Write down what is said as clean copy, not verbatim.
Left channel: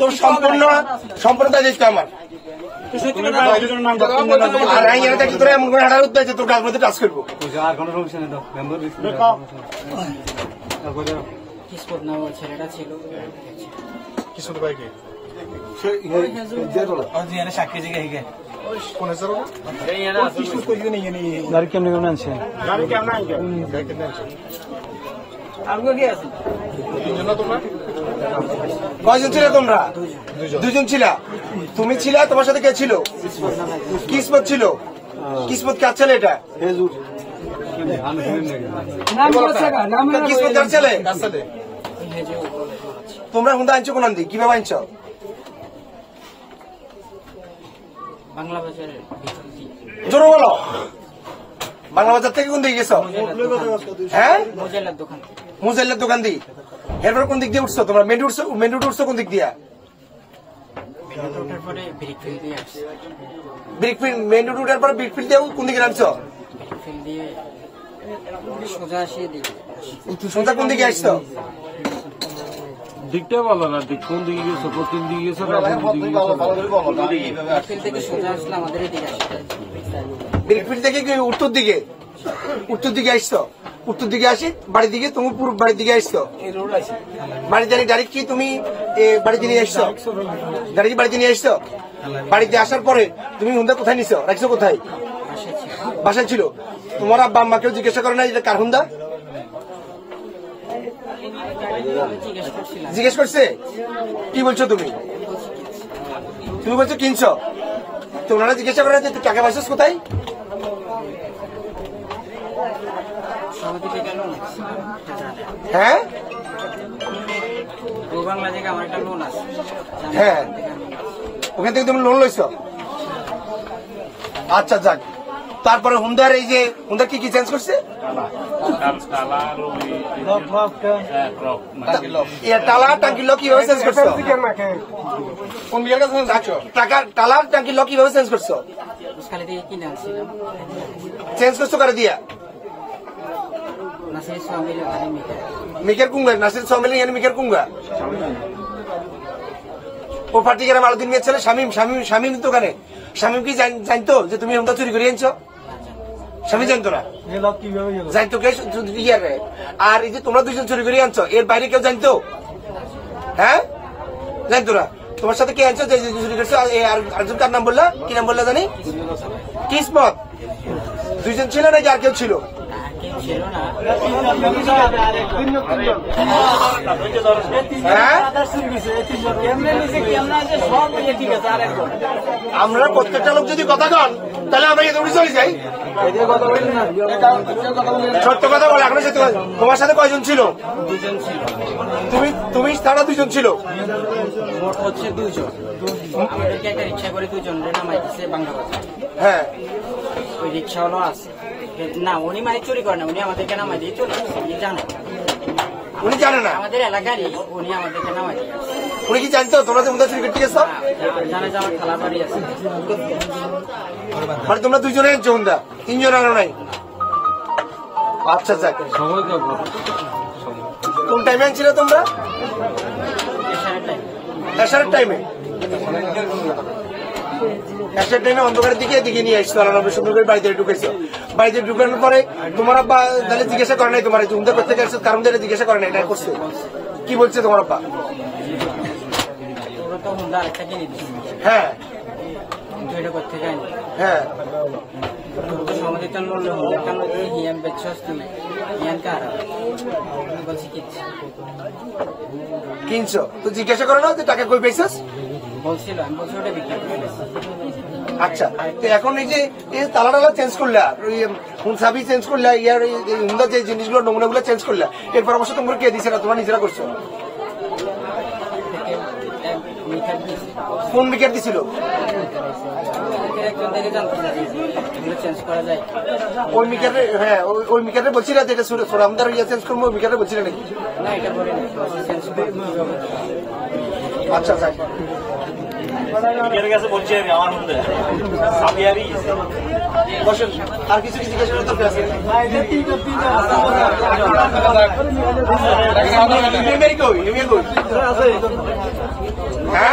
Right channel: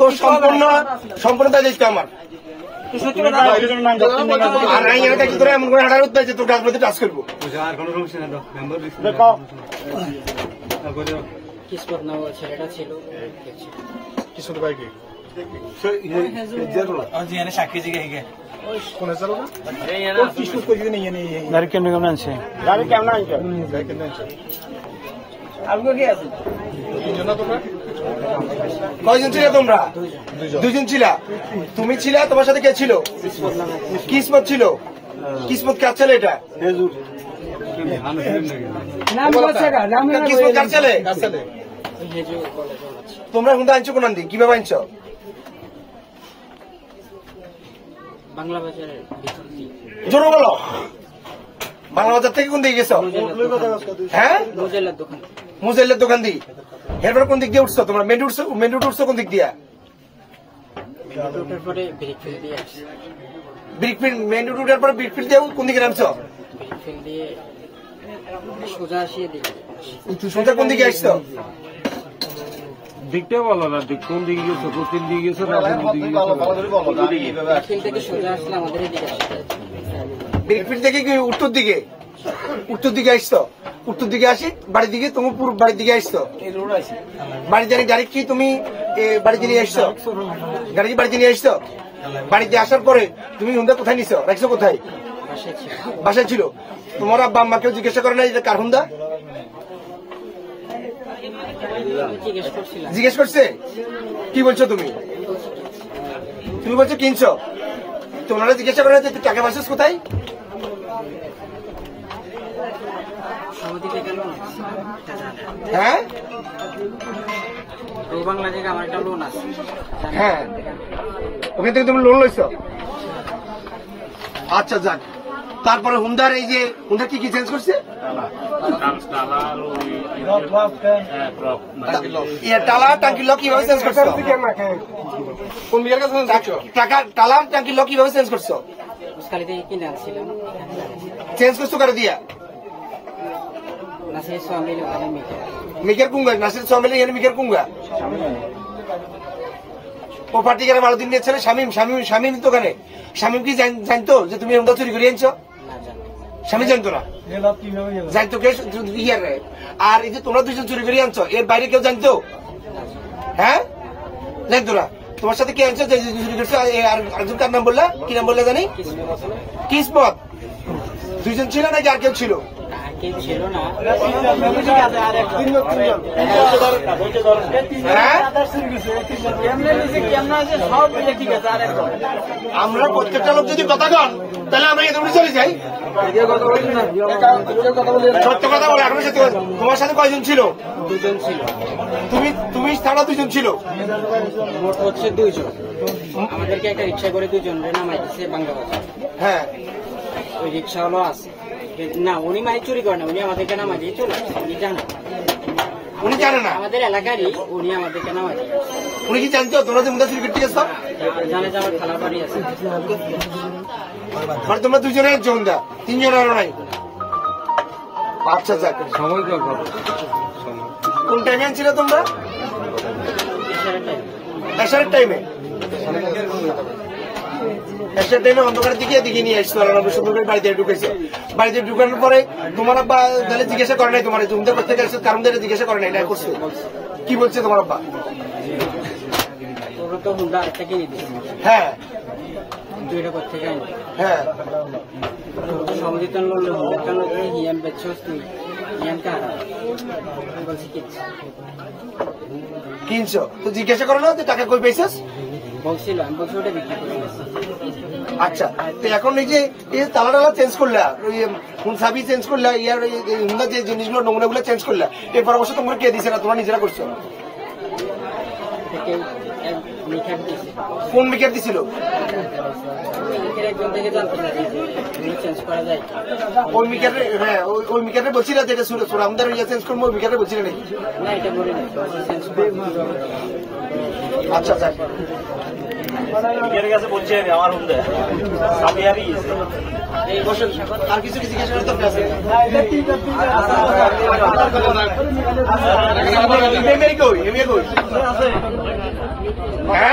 তোর সম্পূর্ণ দায়িত্ব আমার। আর এমন করে হাঁটার উদ্দেশ্যে তোর গাছ মধ্যে টাচ করবো। কিসমত নাম ছেলেটা ছিল সাক্ষী জিগে গাড়ি কেমন আনছে গাড়ি কেমন আনছে কয়জন ছিল তোমরা? দুজন ছিল। তুমি ছিল, তোমার সাথে কে ছিল? কিসমত ছিল। কিসমত কার ছেলে? এটা কিসমত কার ছেলে? তোমরা হুন্দা আনছো কোন দিক? কিভাবে আনছো? জোর বলো। বাংলা বাজার থেকে কোন দিকে গেছো? হ্যাঁ, মুজাইলের দোকান দিয়ে। এরপর কোন দিক দিয়ে উঠছো? তোমরা মেন রুট উঠছো কোন দিক দিয়া? মেন রুট উঠার পরে ব্রিকফিল্ড দিয়ে কোন দিকে নামছো? সোজা কোন দিকে আসছো? দিকটা বলো না, কোন দিকে গেছো, কোন দিকে গেছো, ব্রিকফিল্ড থেকে কি উত্তর দিকে? উত্তর দিকে আসছো। উত্তর দিকে আসি বাড়ির দিকে, তুমি পুরো বাড়ির দিকে আসছো। বাড়িতে ডাইরেক্ট কি তুমি বাড়িতে নিয়ে আসছো? গাড়ি বাড়িতে নিয়ে আসছো। বাড়িতে আসার পরে তুমি হুন্দা কোথায় নিছো? রাখছো কোথায়? বাসায় ছিল। তোমার আব্বা আম্মাকেও জিজ্ঞাসা করে না এটা কার হুন্দা? জিজ্ঞেস করছে? কি বলছো তুমি? তুমি বলছো কিনছো। তোমরা জিজ্ঞাসা করে টাকা পাইছিস কোথায়? হ্যাঁ, বাংলা থেকে আমার একটা লোন আছে। হ্যাঁ, ওখান থেকে তুমি লোন লইছো। আচ্ছা যাক। তারপরে হুন্দার এই যে হুন্দার কি কি চেঞ্জ করছে? টালা টাঙ্কি লক কিভাবে চেঞ্জ করছো? টালা টাঙ্কি লক কিভাবে চেঞ্জ করছো? চেঞ্জ করছো করে দিয়া মিকের কুঙ্গা নাসির সামিল মিকের কুঙ্গা ও পার্টিকারে মালদিন নিয়েছিল শামীম দোকানে। শামীম কি জানতো যে তুমি হুন্ডা চুরি করে আনছো? স্বামী জানতো না। জানতো কে? আর এই যে তোমরা দুজন চুরি করে আনছো, এর বাইরে কেউ জানতো? হ্যাঁ, জানতো না। তোমার সাথে কে আনছো যে চুরি করছো? আরেকজন কার নাম বললা? কি নাম বললা জানি? কিসমত। দুজন ছিল নাকি আর কেউ ছিল? আমরা প্রত্যেকটা লোক যদি কথা কন তাহলে আমরা এখানে চলে যাই। সত্য কথা বলে আপনার সাথে। তোমার সাথে কয়জন ছিল? তুমি তারা দুজন ছিল। আমাদেরকে একটা রিক্সা করে দুজন নামাইতেছে বাংলা বাজার। হ্যাঁ, ওই রিক্সা হলো আছে না, উনি মানে চুরি করে না, উনি আমাদেরকে নামাই দিয়ে চলে আসছে। উনি জানে না আমাদের এলাকারই, উনি আমাদেরকে নামাই দিয়ে। উনি কি জানতো তোমরা যে চুরি করতে গেছো? জানে যে আমার খালা বাড়ি আছে। মানে তোমরা দুজনের জোনদা, তিনজন আরো নাই। আচ্ছা যাক। কোন টাইমে ছিল তোমরা? এসারের টাইমে। এসার টাইমে অন্ধকারের দিকে নিয়ে আসছো। সুন্দর করে বাড়িতে ঢুকেছে। বাড়িতে ঢুকানোর পরে তোমার আব্বা তাহলে জিজ্ঞাসা করে নাই তোমার হুন্দা করতে গেছো কারণ তাহলে জিজ্ঞাসা করে নাই করছো? কি বলছে তোমার আব্বা? হ্যাঁ, হ্যাঁ, কিনছো তো জিজ্ঞাসা করো না টাকা কই পেয়েছিস? আচ্ছা, তো এখন এই যে তালা টালা চেঞ্জ করলা, সাবি চেঞ্জ করলা, ইয়ার হুন্দার যে জিনিসগুলো নমুনাগুলো চেঞ্জ করলা, এর পরামর্শ তোমরা কে দিছে না? তোমরা নিজেরা করছো? কোন মিটার দিছিল? ওই মিটারে? হ্যাঁ, ওই মিটারে বলছি না যেটা সুরামদার ইয়ে চেঞ্জ করবো, ওই মিটারে বলছি না নাকি? আচ্ছা যাক। আর কিছু কিছু জিজ্ঞেস করে দরকার আছে ইমেল কই হ্যাঁ